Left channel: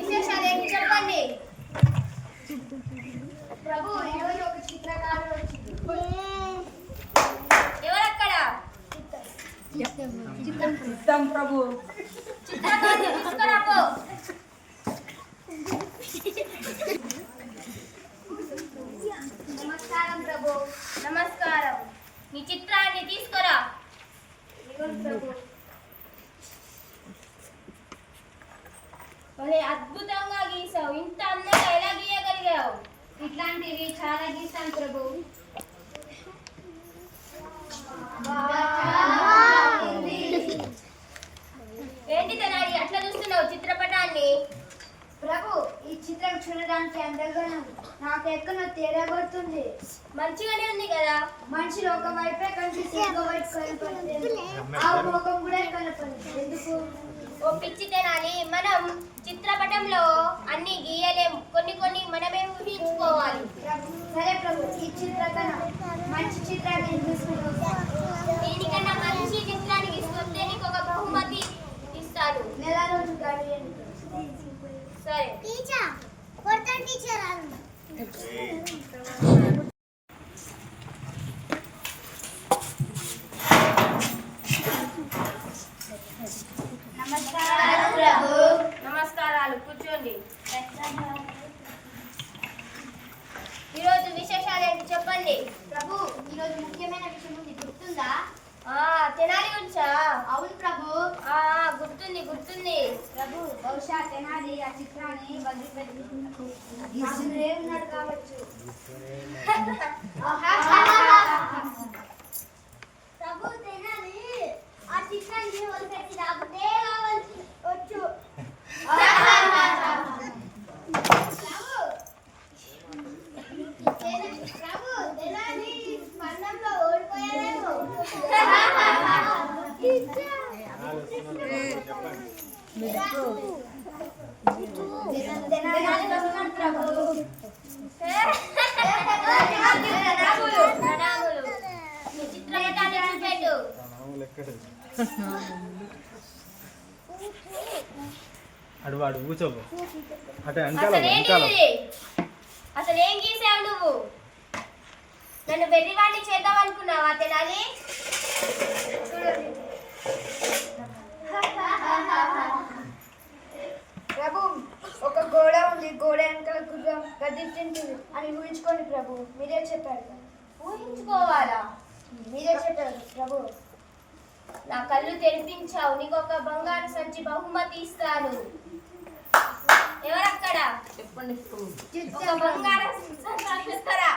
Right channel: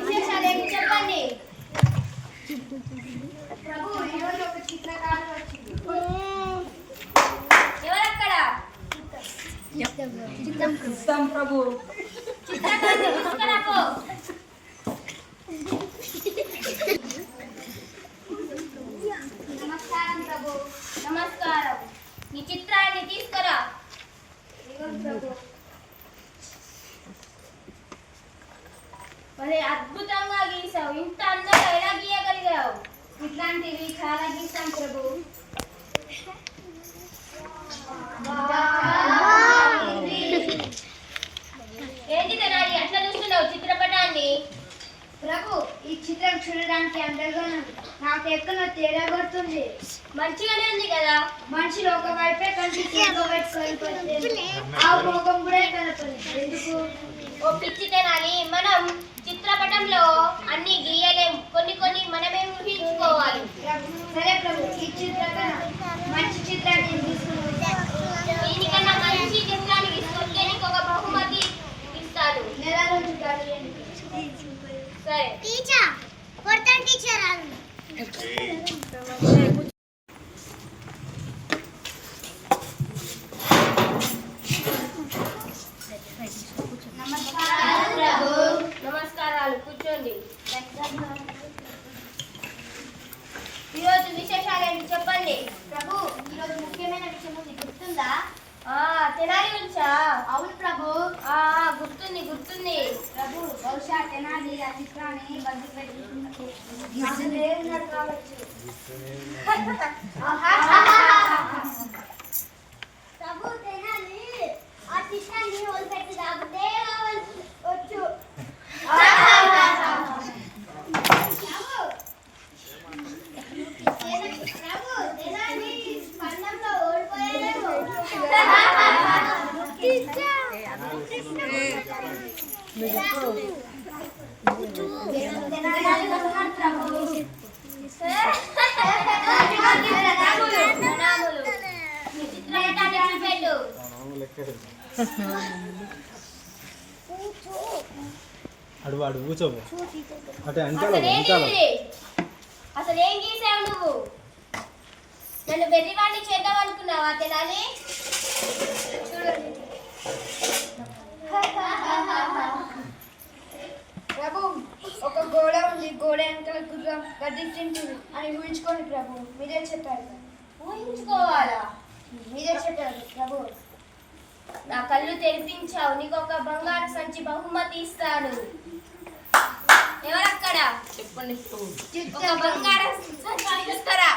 విశేషాలు చెప్పండి ప్రభు. ఈరోజు ఒక చిత్రకారుడు వచ్చింది. ఎవరక్కడ? చిత్తం ప్రభు. చిత్రకారుడు తీసుకురాపో. నమస్కారం ప్రభు. నమస్కారం. నీ చిత్రాన్ని తీసుకురా. ప్రభు మరి అద్భుతంగా గీసావు. ఇంత అందంగా ఎలా గీయగలిగావు? ఇట్లాంటివి చాలా గీస్తాం ప్రభు. ఏంటి తెనాలి అట్లా చూస్తున్నావు చిత్రపటాన్ని? ప్రభు, ఈ చిత్రం చూడడానికి అందంగా ఉంది. నాకు ఎక్కడ తేడా కొడుతుంది. మంచిగానే ఉంది కదా. మనిషిలో ఒక వైపే కనిపిస్తుంది, ఒక వైపు కనపడుతుంది. ఆ ముఖం కూడా కనపడుతుంది. ఎందుకు? ఓ పిచ్చి తెనాలి, మనం చిత్రపటంలో అన్ని గీయలేము. కొన్ని కొన్ని మనమే ఊహించుకోవాలి. సరే ప్రభు, ఈ చిత్రకన్నా మంచి చిత్రాన్ని తీసుకుంటాం. దీనికన్నా మంచి చిత్రాన్ని తీసుకుంటే నీకు ఒక బహుమతి ఇస్తాను. నెల రోజులు గడియండి. సరే టీచర్. కొడతాను టీచర్. నమస్కారం ప్రభు. నమస్కారాలు, కూర్చోండి. ఈరోజు విశేషాలు ఏంటి చెప్పండి. ప్రభు, ఈరోజు ముఖ్యమైన విషయం ఉంది, గుర్తుందా? తెనాలి గురించా? అవును ప్రభు. గుర్తుంది గుర్తుంది ప్రభు. బహుశా తెనాలి ఆ చిత్రాన్ని కావచ్చు. ప్రభు, తెనాలి ఆ చిత్రాన్ని వదిలిపెట్టి రాబట్టే వచ్చు. అడువాడు కూర్చోబో. అసలు ఏం గీసావు నువ్వు? నన్ను వెర్రివాణ్ణి చేద్దాం అనుకున్నావా తెనాలి? ప్రభు, ఒక గోడ ఉంది, గోడ వెనకాల గుర్రం గద్దించింది అని ఊహించుకోండి ప్రభు. మీరే చెప్పారు. ఊహించుకోవాలా? మీరే చెప్పారు ప్రభు. నా కళ్ళు తెరిపించావు. నీకు ఒక బంగారు సంచి బహుమతి ఇస్తాను. ఎవరక్కడ? చెప్పండి. ఒక బంగారు సంచి తీసుకురా.